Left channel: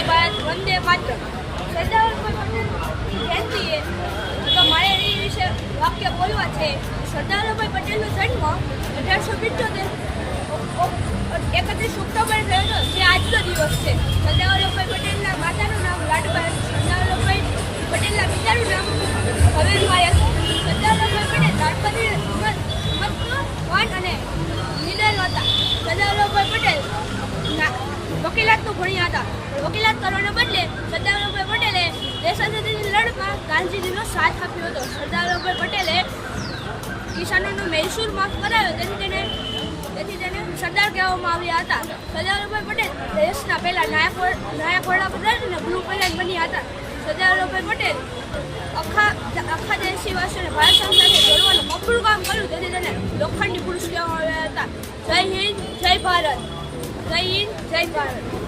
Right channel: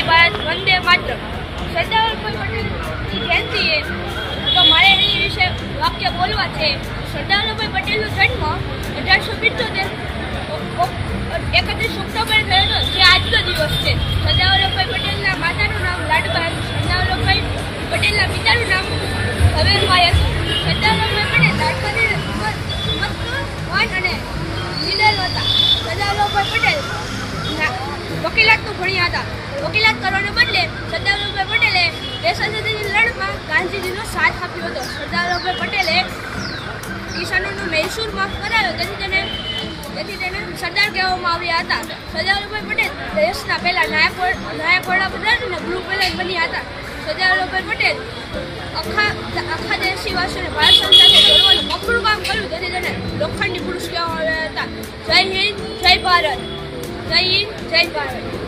જય ભારત, વંદે માતરમ. સરદાર વલ્લભભાઈ પટેલની જયંતિએ તો મારે એની વિશે વાક્ય બોલવા છે. સરદાર વલ્લભભાઈ પટેલનો જન્મ 1875 31 ઓક્ટોબરે થયો હતો, જે આજનો દિવસ છે. સરદાર વલ્લભભાઈ પટેલના માતાનું નામ લાડબાઈ, સરદાર વલ્લભભાઈ પટેલના પિતાનું નામ ઝવેરભાઈ હતું. સરદાર વલ્લભભાઈ પટેલ લાડબાની મહત્વવાન અને લીડર હતા. સરદાર વલ્લભભાઈ પટેલ વકીલાતનું ભણ્યા હતા. વકીલાત કરવાને બદલે સરદાર વલ્લભભાઈ પટેલે દેશ આઝાદીની લડતમાં ગાંધીજીનો સાથ આપ્યો હતો. સરદાર વલ્લભભાઈ પટેલે કિસાનોનો મહેસૂલમાં કરાયો, તેથી તેને સરદાર કહેવામાં આવ્યા હતા. સરદાર વલ્લભભાઈ પટેલ દેશના પહેલા નાયક વડાપ્રધાન અને ગૃહ પ્રધાન બન્યા હતા. સરદાર વલ્લભભાઈ પટેલ આખા દેશવાસીઓને ભારત સંઘ સાથે જોડવાનું મફળું કામ કર્યું, તેથી તેને લોખંડી પુરુષ કહેવામાં આવ્યા હતા. જય હિન્દ, જય ભારત. જય હિન્દ, જય ભારત.